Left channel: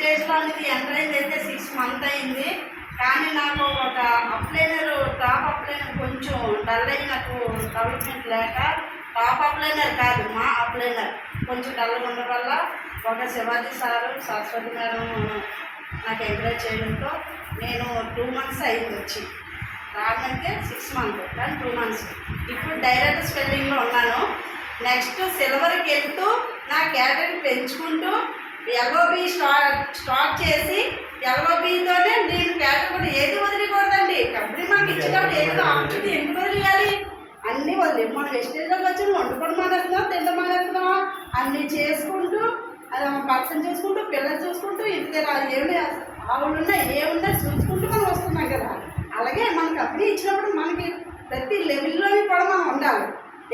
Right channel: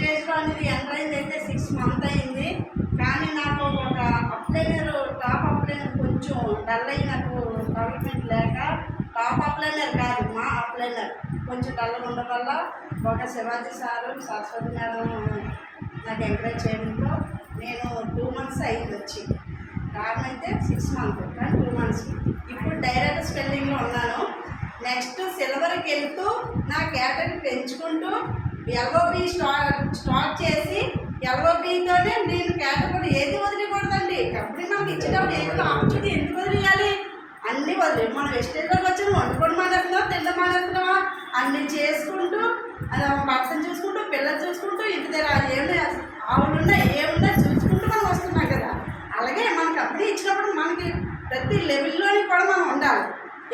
వెస్టేజ్లో అనేది ఎంటర్ అయింది అయితే 6 months అయింది. కానీ నాకు ఒక అప్లైనర్ టాప్ అప్లైనర్ కొంచెం డల్ అయ్యి నాకు డెవలప్మెంట్ లేక టాప్ అప్లైనర్ కాదు మా అప్లైనర్ కొంచెం డల్గా ఉండడం వల్ల ఒక శివాజీ సారు సరస్వతి మేడం నాకు ఎంకరేజ్ చేయడంతో నేను 2 months అయింది వచ్చి. రావడంతే 6 months కానీ 2 months. ఇప్పుడు డైరెక్ట్ స్పెల్లింగ్లో ఉన్నాను. నెక్స్ట్ సిల్వర్కి వెళ్తూ నా కేటగిరీ పెంచుకుంటూ ఎల్ఓబి స్టార్ట్ చేసి ఎల్ఓబితోనే నేను కేటగిరీ ఏది వదిలేకూడదండి. కబడ్డీ మనకి ఇచ్చేటప్పుడు ఏదో ఆపర్చునిటీ ఎందుకు వదిలేయాలి? అన్నీ వదిలే మనం వెస్టేజ్లోకి వచ్చి వండుకొని మానేస్తున్నాం, తిండి మానేస్తున్నావా, అన్నీ చేసుకుంటూ అది భర్తను చూసుకుంటూ పిల్లలు చూసుకుంటూ ఇంటి దగ్గర ఏమి ఆవులున్నా ఏమున్నా చూసుకుంటూ మనం వస్తున్నాం కదా. అలాగే మనకు కబడ్డీ ఇచ్చినప్పుడు మనకి ప్రతి లెవెల్లోని కూడా మనం ఉండాలి.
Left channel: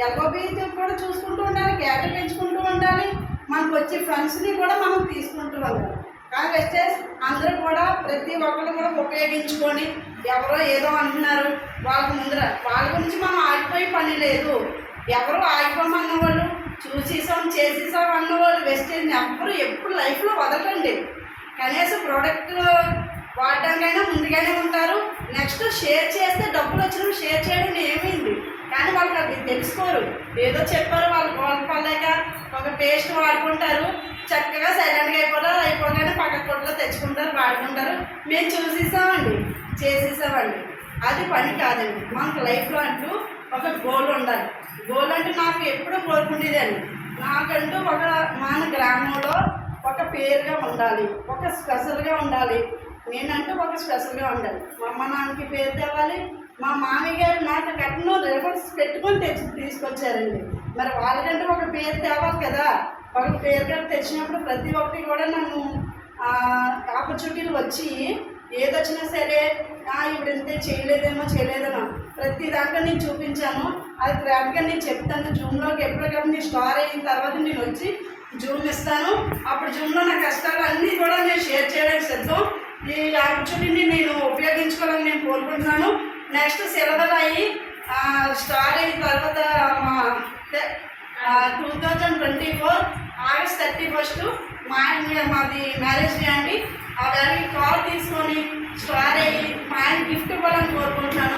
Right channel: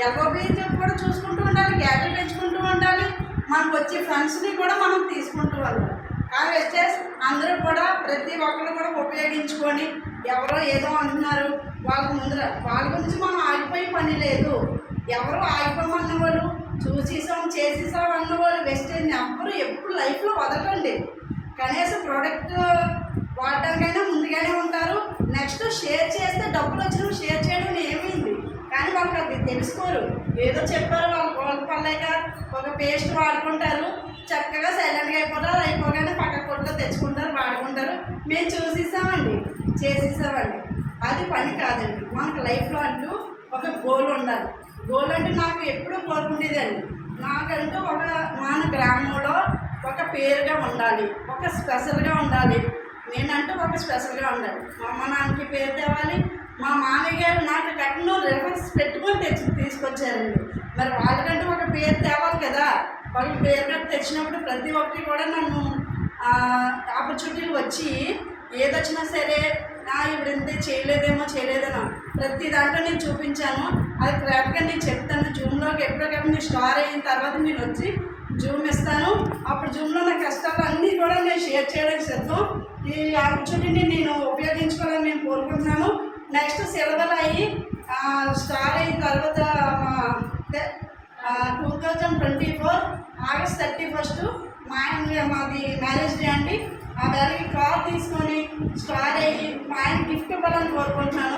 ఎల్ఓబి కూడా చూసుకుంటూ ఉండాలి, కేటగిరీ పెంచుకుంటూ ఉండాలి, మనకు వచ్చే ఫ్రెండ్స్ని కూడా మనం తీసుకుంటూ ఉండాలి. కానీ వెస్టేజ్ అందరూ కూడా ప్రతి ఒక్కరు కూడా ఉపయోగించుకొని ఎవరో ఏదో అంటున్నారు వాళ్ళకి ముందర వాళ్ళ గురించి మనం ఆగిపోయే పని లేదు. ఎవరో ఆగిపోమన్న వాళ్ళు చూసేసాం చేసేసాం అన్నవాళ్ళు వెస్టేజ్ని ఎవ్వరు ఎప్పుడు లైఫ్లో వదలండి. కనీసం ప్రోడక్ట్ వాడడానికైనా ముందుగానే ఉంటారు. నెక్స్ట్ షేర్ చేస్తే డబ్బులు వచ్చినప్పుడు షేర్ చేయడం ఏమైంది కానీ వాళ్ళకి అది తెలుసుకోరు. ఏదో చెప్పారు వాళ్ళ పడలేక ఒక పేస్ట్ వాడుకుంటారు, చక్కగా సైలెంట్గా అయిపోతారు, అయిపోగానే పక్క కొట్లో తెచ్చుకుంటారు, వాడుకుంటారు. మేము చూసేసామండి చేసేసామండి. అది పని కాదండి. మనకు లైఫ్లో అంటూ ఒక గోల్ ఉండాలి. గోల్ అంటే నాకు ఎప్పుడూ కోరుకునేదండి, నాకంటూ మన గ్రామంలో ఒక పేరుగా ఉండాలి, ఒక స్పెషల్గా ఉండాలి, నేనంటూ ఒక స్పెషల్గా ఉండాలి. మా అమ్మ నాన్నకి పేరు తేవాలి. మా మామయ్య గారు నాకు కట్నం రిఫరెన్స్ పెట్టుకొని తీసుకొచ్చారండి. మరి వాళ్ళకంటే ఒక పేరు తేవాలి కదా. వాళ్ళకి పేరు కట్టి తెచ్చినప్పుడు ప్రతి ఒక్కటి కూడా నన్ను ఆపర్చునిటీలు వచ్చి ఏదొచ్చినా సరే ఇప్పుడు ఇంతే చేయలేదనో ప్రతి దాంట్లో నేను చూపించాను. అది క్రాఫ్ట్గా నేను చెప్తాను. జూమ్లోకి ఎప్పటికప్పుడు నేను స్టార్ అయిన తర్వాత నేను వచ్చి జూమ్ ఇస్తాను. అప్పుడు జూమ్లో నా కష్టాలు అన్నీ కూడా నేను షేర్ చేయడానికి సిద్ధం. ఈ ఆపర్చునిటీని నేను ఉపయోగించుకోవాలని నేను కోరుకుంటున్నాను. నెక్స్ట్ సిలబర్ అయ్యి స్టార్ అయిన తర్వాత 2024 August 31 మాది మ్యారేజ్ డే అండి. ఆ దానికి కాల్ తీసుకొని స్టార్ అయ్యి మా ఆయన గిఫ్ట్ ఇవ్వాలని కోరుకుంటున్నాను.